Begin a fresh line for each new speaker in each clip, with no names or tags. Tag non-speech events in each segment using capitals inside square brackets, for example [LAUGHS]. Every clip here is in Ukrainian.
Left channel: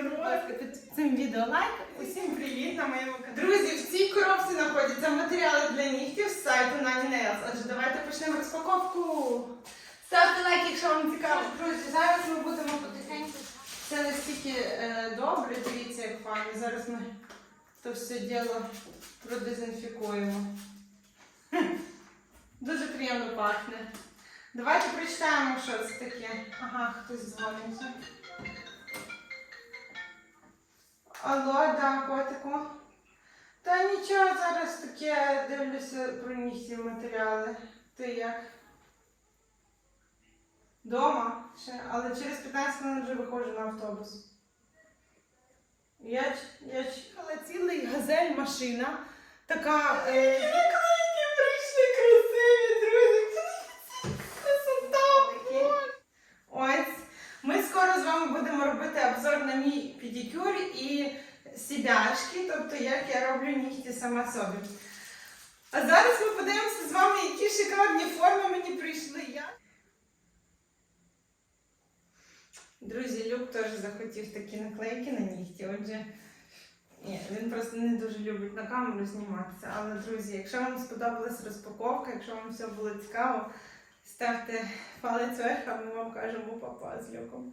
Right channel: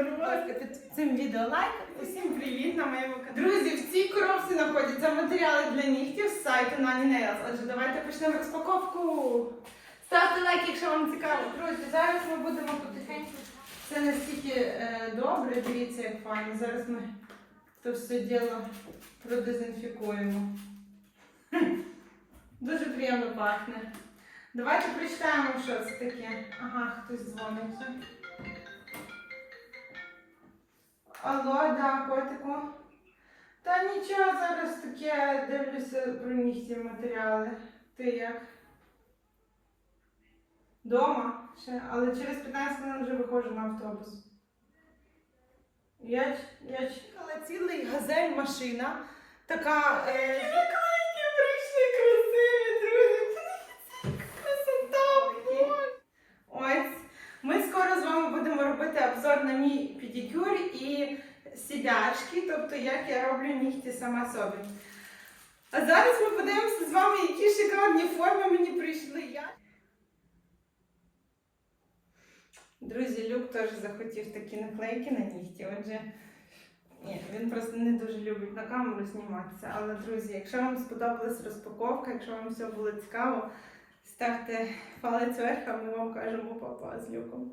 ласка, під цим відео лайк. Усім привіт на моєму каналі. Друзі, в цій коробці знаходяться матеріали для нігтів з сайту Nani Nails. Отже, давайте почнемо розпаковку. Ставте лайк, якщо вам цікаво. Друзі, зараз ми будемо потихеньку. Це настільки е, добре, дивіться, як файно. Зараз ми то все діло продезінфікуємо. Дуже приємно пахне. Давайте прочитаємо, що це таке. Ага, хтось дзвониться. Алло, да, котику. Та нічого, зараз таке дивлюся про місці матеріали. Ти як? Дома ще, але через 15 хвилин вже виходжу на автобус. Я, я чекала цілий газель машина. Така. Е, які прийшли красиві, друзі. Красота! Боже. Ось. Ми скоро з вами будемо на мій педикюр і сідячки, тобто як я роблю нігті сама собі. А зараз ми подивимося з вами, які шикарні форми мені прийшли. Я... Друзі, Люк теж захотів такі наклейки на нігті. Отже, ні, він просто не дуже любить на камеру зніматися. Але, друзі, якщо вам сподобалась розпаковка, якщо вам все було цікаво, ставте палець вверх, а ми вам кажемо папа з люком.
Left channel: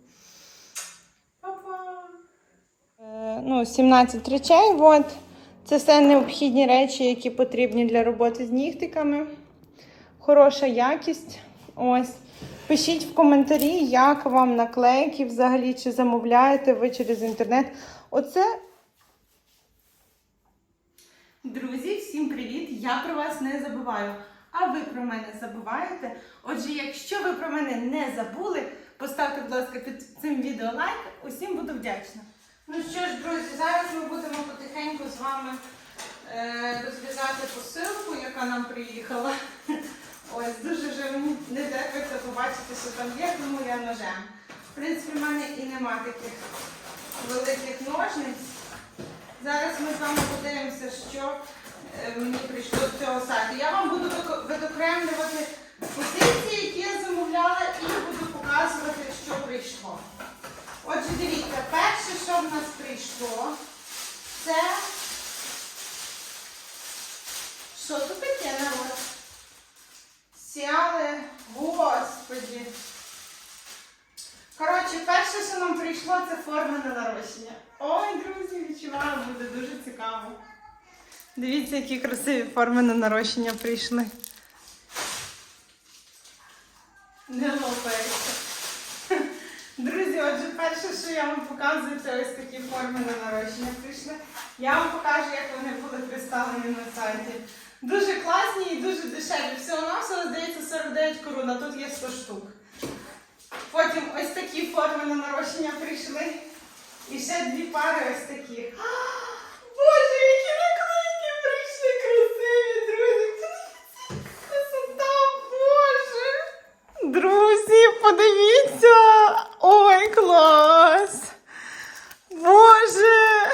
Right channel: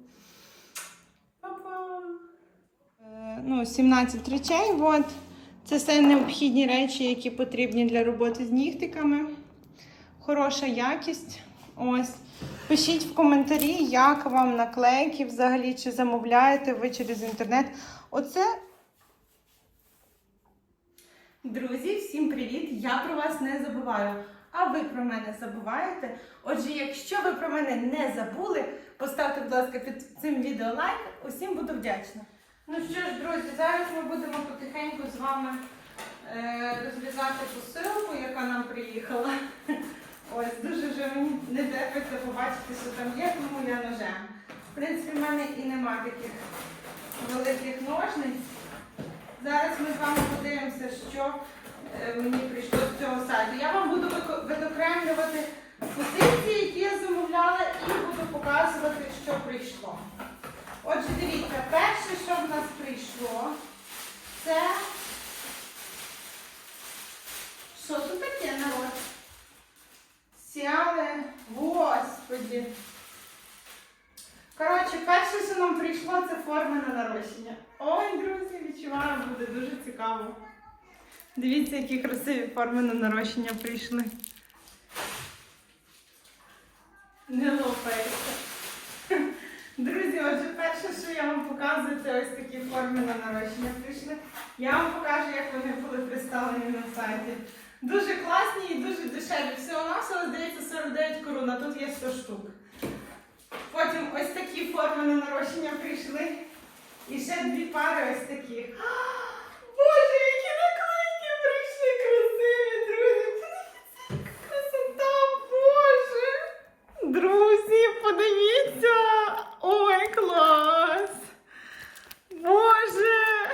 Папа! Ну, 17 речей. От. Це все необхідні речі, які потрібні для роботи з нігтиками. Хороша якість. Ось. Пишіть в коментарі, як вам наклейки взагалі, чи замовляєте ви через інтернет. Оце. Друзі, всім привіт! Я про вас не забуваю. А ви про мене забуваєте? Отже, якщо ви про мене не забули, поставте, будь ласка, під цим відео лайк. Усім буду вдячна. Ну що ж, друзі, зараз ми будемо потихеньку з вами е, розрізати посилку, яка нам приїхала. Ось дуже вже мені не терпиться побачити, що там є, тому я ножем. В принципі, в мене і нема таких великих ножниць. Зараз ми з вами подивимося, що е, мені прийшло з цього сайту. Я вам буду відокремлювати позиції, які я замовляла, і буду показувати, що прийшло. Отже, дивіться, перше, що в нас прийшло, це. Що тут таке народ? Сяли, господі. Коротше, перше, що нам прийшло, це форми на нарощення. Ой, друзі, відчуваю, буде дуже цікаво. Дивіться, які красиві форми на нарощення прийшли. Що я вам показую, це ось такі форми на нарощення прийшли. Я вам покажу, як вони були представлені на сайті. Дуже класні і дуже дешеві. Всього навсього здається 49 корон, а тут є 100 штук. Потім ось такі форми на нарощення прийшли. І ще дві пари ось таких. Боже, які наклейки прийшли красиві, друзі! Красота, Боже! Друзі, подивіться! Ой, клас! Боже!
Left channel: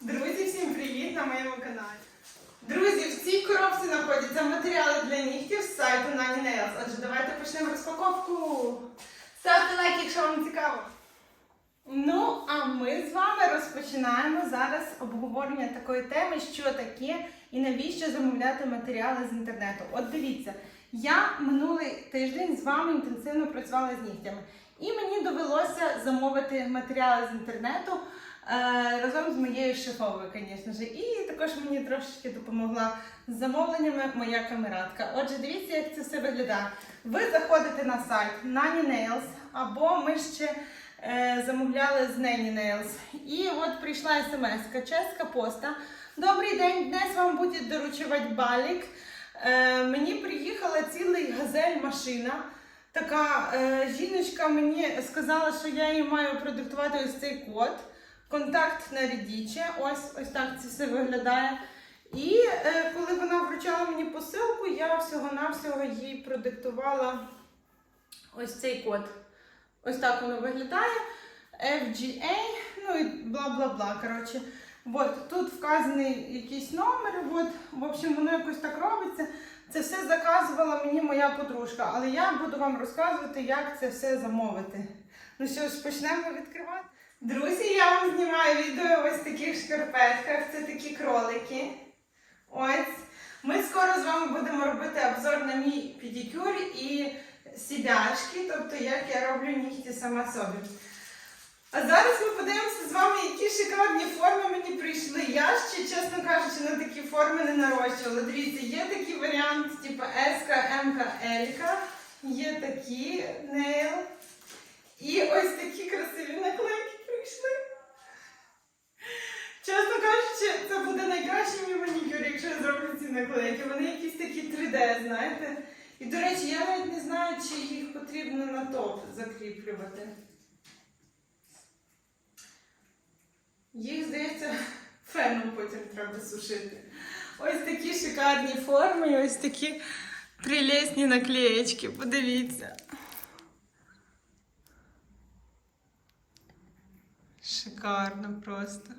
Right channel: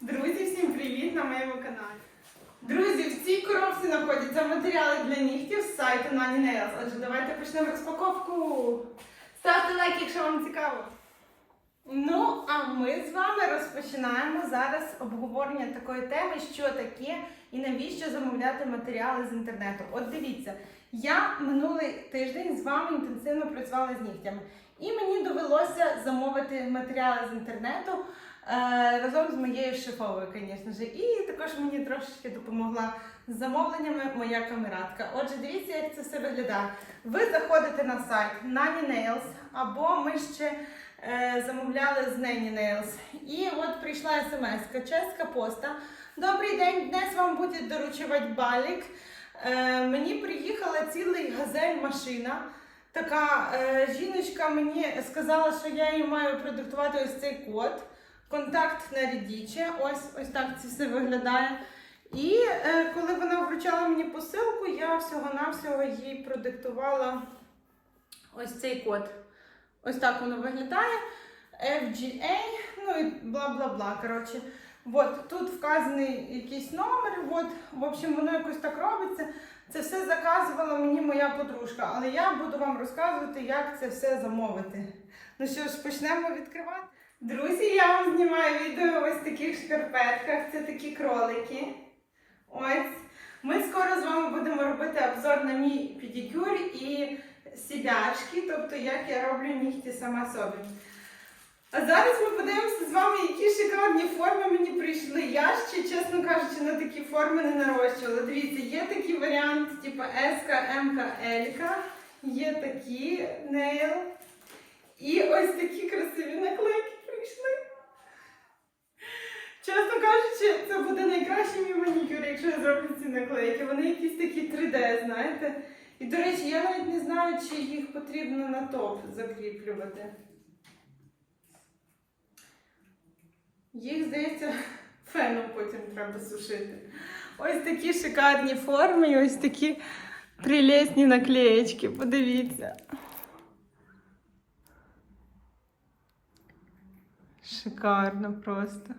Друзі, всім привіт на моєму каналі. Друзі, в цій коробці знаходяться матеріали для нігтів з сайту Nani Nails. Отже, давайте почнемо розпаковку. Ставте лайк, якщо вам цікаво. Ну, а ми з вами розпочинаємо зараз обговорення такої теми, що таке і навіщо замовляти матеріали з інтернету. От дивіться, я минулий тиждень з вами інтенсивно працювала з нігтями, і мені довелося замовити матеріали з інтернету разом з моєю шефовою, звісно ж. І також мені трошечки допомогла з замовленнями моя камератка. Отже, дивіться, як це все виглядає. Ви заходите на сайт Nani Nails, або ми ще е, замовляли з Nani Nails. І от прийшла смс Чеська поста. Добрий день, днес вам буде доручувати балік. Е, мені приїхала цілий газель машина. Така е, жіночка мені сказала, що я їй маю продиктувати ось цей код. Контакт на рідіче. Ось ось так це все виглядає. І е, коли вона вручала мені посилку, я всього-навсього їй продиктувала ось цей код. Ось так воно виглядає. FGA, ну і бла-бла-бла. Коротше. От, тут вказаний якийсь номер. От, в общем, воно якось так робиться. Це все заказувала мені моя подружка, але я буду вам розказувати, як це все замовити. Ну що ж, почнемо відкривати. Друзі, я вам знімаю відео ось таких шкарпетках. Це такі кролики. Ось. Ми скоро з вами будемо робити обзор на мій педикюр і сідячки, тобто як я роблю нігті сама собі. А зараз ми подивимося з вами, які шикарні форми мені прийшли. Я ще, чесно кажучи, на такі форми не нарощувала. Дивіться, є такий варіант, типу S, М, L. Є такі нейл. І ось такі красиві наклейки прийшли. Чесно кажучи, це буде найкращий мій манікюр, якщо я зроблю ці наклейки. Вони якісь такі 3D, знаєте. І, до речі, я навіть не знаю, чи їх потрібно на топ закріплювати. Їх, здається, [LAUGHS] феном потім треба сушити. Ось такі шикарні форми, ось такі прелесні наклеєчки. Подивіться. Шикарно просто.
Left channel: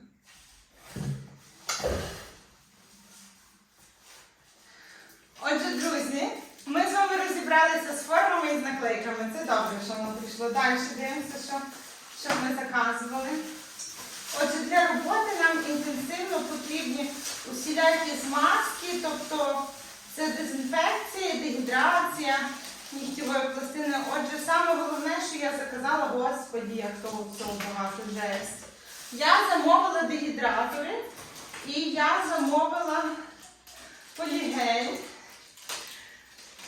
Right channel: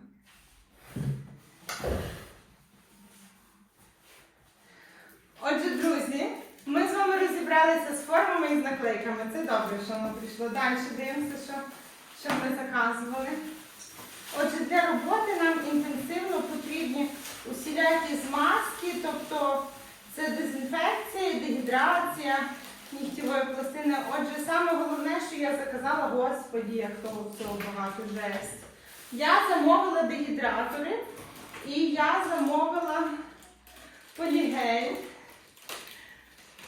Отже, друзі, ми з вами розібралися з формами і з наклейками. Це добре, що воно прийшло. Далі дивимося, що, що ми заказували. Отже, для роботи нам інтенсивно потрібні усілякі змазки, тобто це дезінфекція, дегідрація нігтєвої пластини. Отже, саме головне, що я заказала, господі, як того всього багато жесть. Я замовила дегідратори і я замовила полігель.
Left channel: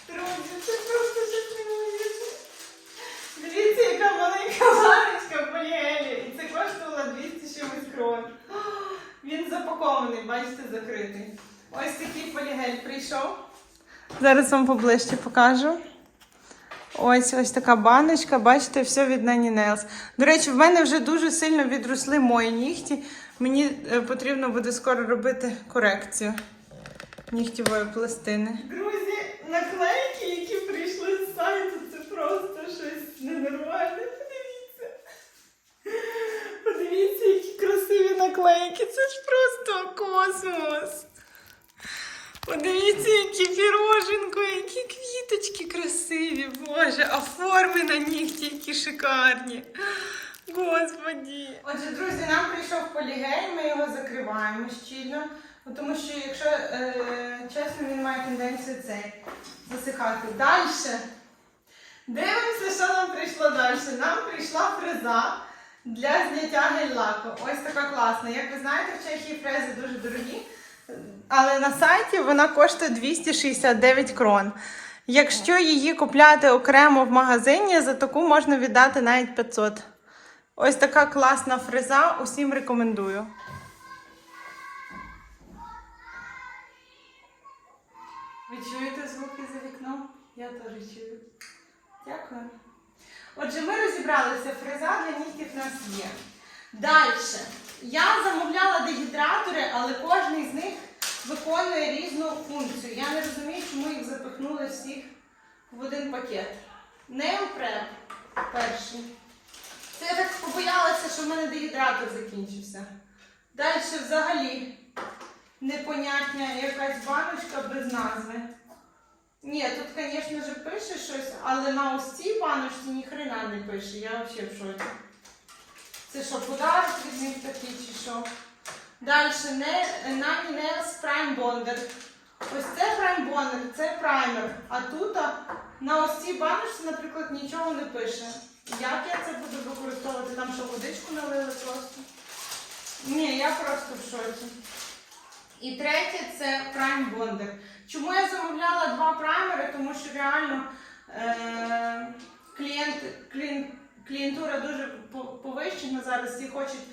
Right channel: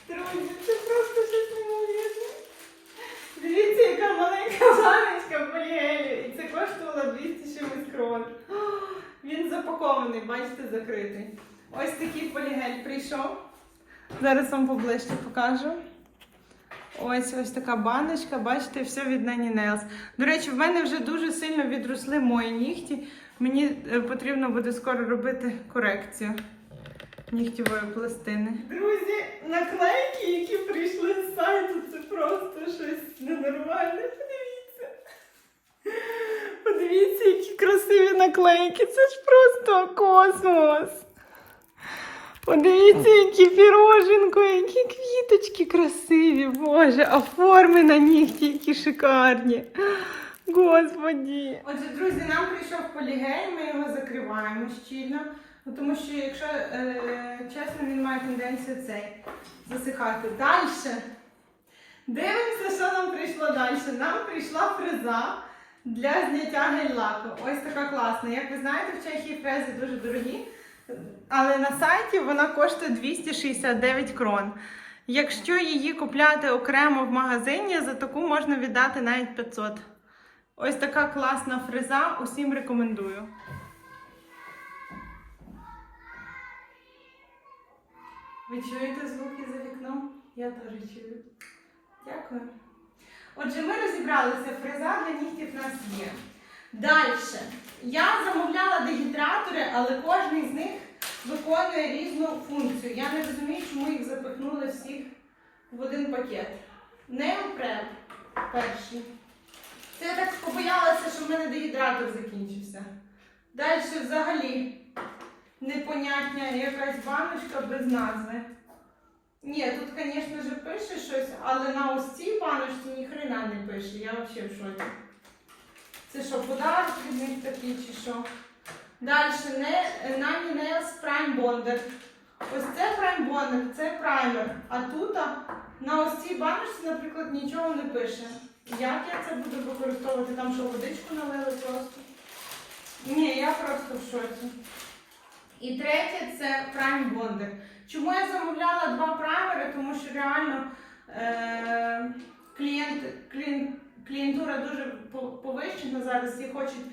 Друзі, це просто щось неймовірне. Дивіться, яка маленька баночка полігелю. І це коштувало 200 чимось крон. Він запакований, бачите, закритий. Ось такий полігель прийшов. Зараз вам поближче покажу. Ось ось така баночка, бачите, все від Nanny Nails. До речі, в мене вже дуже сильно відросли мої нігті. Мені е, потрібно буде скоро робити корекцію нігтєвої пластини. Друзі, наклейки, які прийшли з сайту, це просто щось ненормальне. Подивіться. Подивіться, які красиві наклейки. Це ж просто космос. Подивіться, які піроженко, які квіточки красиві, Боже, а форми на нігті, які шикарні. Господі. Отже, друзі, нам прийшов полігель, ми його закриваємо щільно, ну, тому що, якщо е, чесно, він має тенденцію цей засихати. Далі. Дивимося, що нам прийшло далі. Нам прийшла фреза для зняття гель-лаку. Ось така класна. Як ви знаєте, в Чехії фрези дуже дорогі. Але на сайті вона коштує 269 крон. Якщо її купляти окремо в магазині, за таку можна віддати навіть 500. Ось така класна фреза, усім рекомендую. Ви чуєте звуки за вікном? Я теж чую. Дякую. Отже, ми розібралися, фреза для нігтів в нас є. Далі. Я замовляла дегідратори, але кожен з них виконує різну функцію. Я не розумію, чому їх запихнули всіх в один пакет. Неопрем перший. Це я так побоялася, що в мене дегідратор закінчився. Далі взагалі непонятня якась баночка без назви. Ні, тут, звісно ж, пише щось, але на ось цій баночці ніхрена не пише. Я взагалі в шоці. Це що, подарок від них такий чи що? Далі Nine Nails Prime Bonder. Ось це Prime Bonder, це праймер. А тут на ось цій баночці, наприклад, нічого не пише. Як я це буду використовувати? Там що, водичку налили просто? Ні, я просто в шоці. І третє це Prime Bonder. Чому я замовляла два праймери? Тому що реально е- клієнт, клієнт, клієнтура дуже повищена зараз. Всі хочуть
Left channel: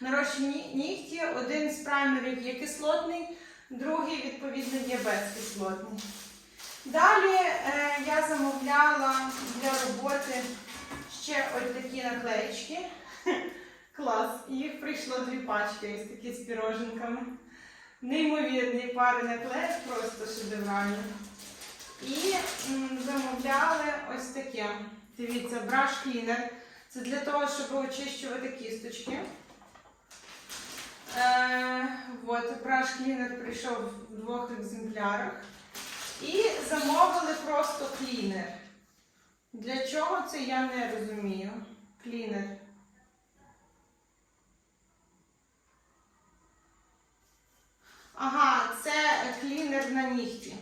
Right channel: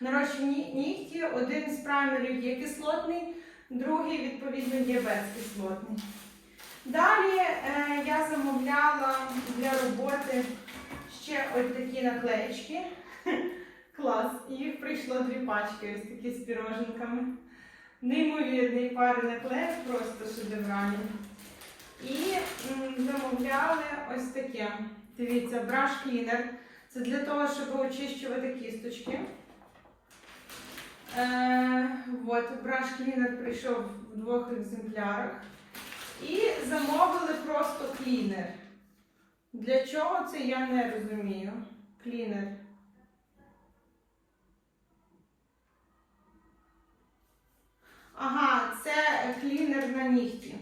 нарощені нігті. Один з праймерів є кислотний, другий, відповідно, є безкислотний. Далі е, я замовляла для роботи ще ось такі наклеєчки. [LAUGHS] Клас. Їх прийшло дві пачки, ось такі з піроженками. Неймовірні пари наклеїв, просто шедевральні. І м, замовляли ось таке. Дивіться, браш клінер. Це для того, щоб очищувати кісточки. Е, от, браш клінер прийшов в двох екземплярах. І замовили просто клінер. Для чого це я не розумію. Клінер. Ага, це клінер на нігті.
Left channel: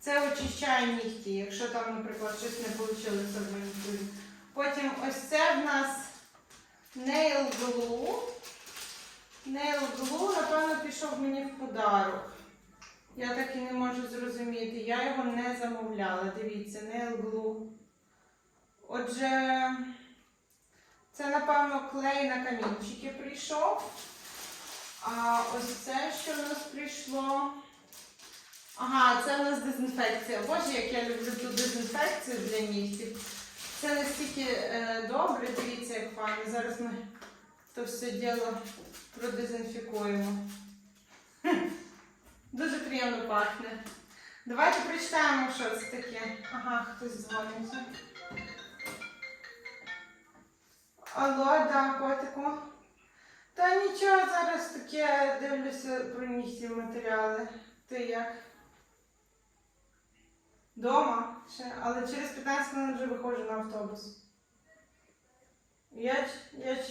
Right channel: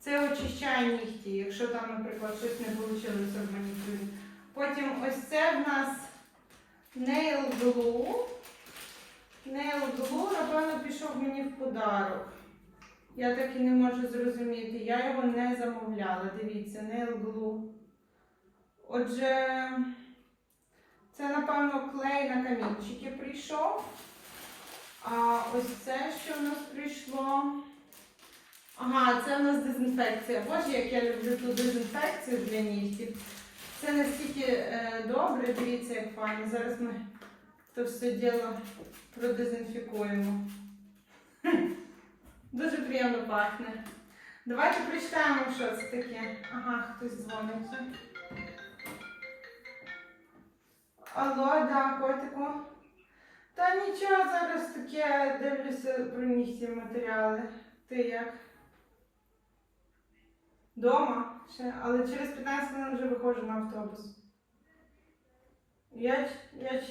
Це очищає нігті, якщо там, наприклад, щось не вийшло в манікюрі. Потім ось це в нас Nail Glue. Nail Glue, напевно, пішов мені в подарок. Я так і не можу зрозуміти. Я його не замовляла. Дивіться, Nail Glue. Отже, це, напевно, клей на камінчики прийшов. А ось це, що в нас прийшло. Ага, це в нас дезінфекція. Боже, як я люблю ту дезінфекцію для нігтів. Це настільки е, добре, дивіться, як файно. Зараз ми то все діло продезінфікуємо. Дуже приємно пахне. Давайте прочитаємо, що це таке. Ага, хтось дзвониться. Алло, да, котику. Та нічого, зараз таке дивлюся про нігті матеріали. Ти як? Дома ще, але через 15 хвилин вже виходжу на автобус. Я, я,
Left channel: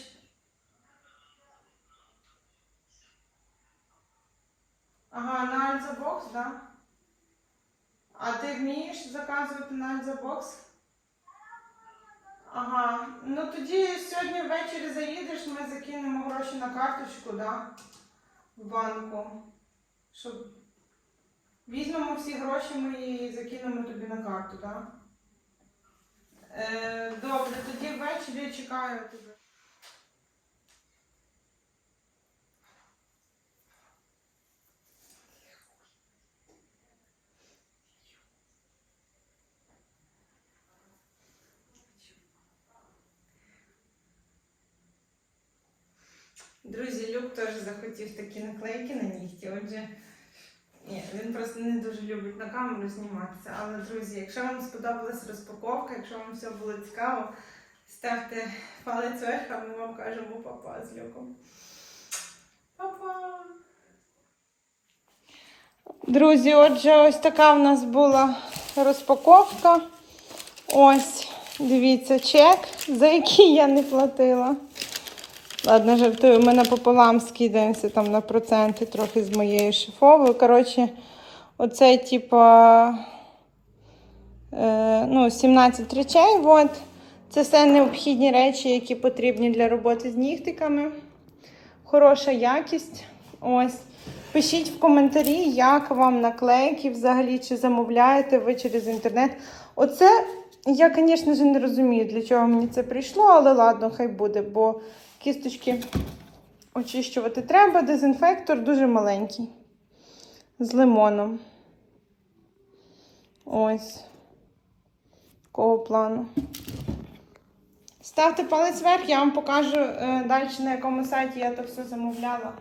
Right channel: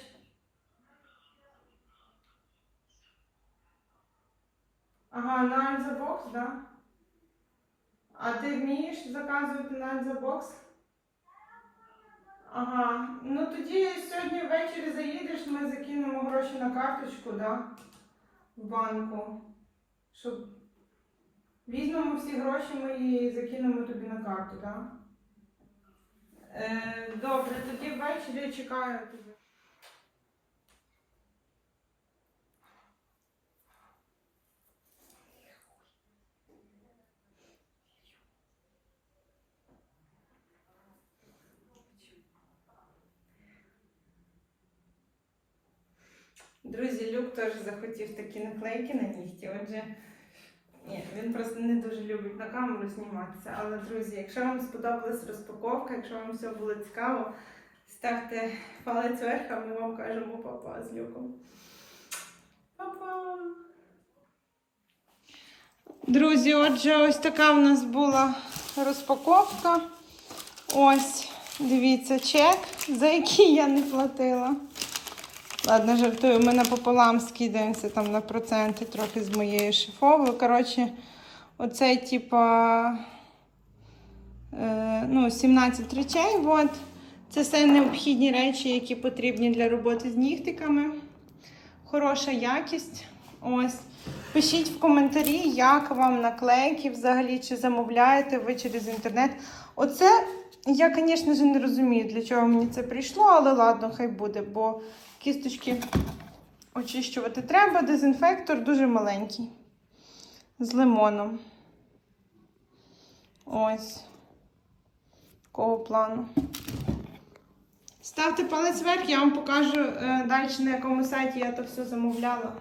Ага, на Альзабокс, да? А ти вмієш заказувати на Альзабокс? Ага. Ну тоді сьогодні ввечері заїдеш, ми закинемо гроші на карточку, да? В банку. Щоб візьмемо всі гроші ми і закинемо тобі на карту, да? Е, добре, тоді ввечері чекаю тебе. Друзі, Люк теж захотів такі наклейки на нігті. Отже, ні, він просто не дуже любить на камеру зніматися. Але, друзі, якщо вам сподобалась розпаковка, якщо вам все було цікаво, ставте палець вверх, а ми вам кажемо папа з люком. Папа! Друзі, отже, ось така в нас була розпаковка. Ось, дивіться, чек, за який я не платила. Ладно, жартую, ми напополам скидаємося там на проценти трохи з моєю шифовою. Коротше, оце, типа, е, ну, 17 речей. От. Це все необхідні речі, які потрібні для роботи з нігтиками. Хороша якість. Ось. Пишіть в коментарі, як вам наклейки взагалі, чи замовляєте ви через інтернет. Оце я, звісно ж, не розумію, для чого мені це прийшло, але ладно, хай буде, бо кісточки очищувати треба. Дезінфектор дуже маленький. З лимоном. Ось. Такого плану. Ставте палець вверх, я вам покажу е, далі, на якому сайті я то все замовляла.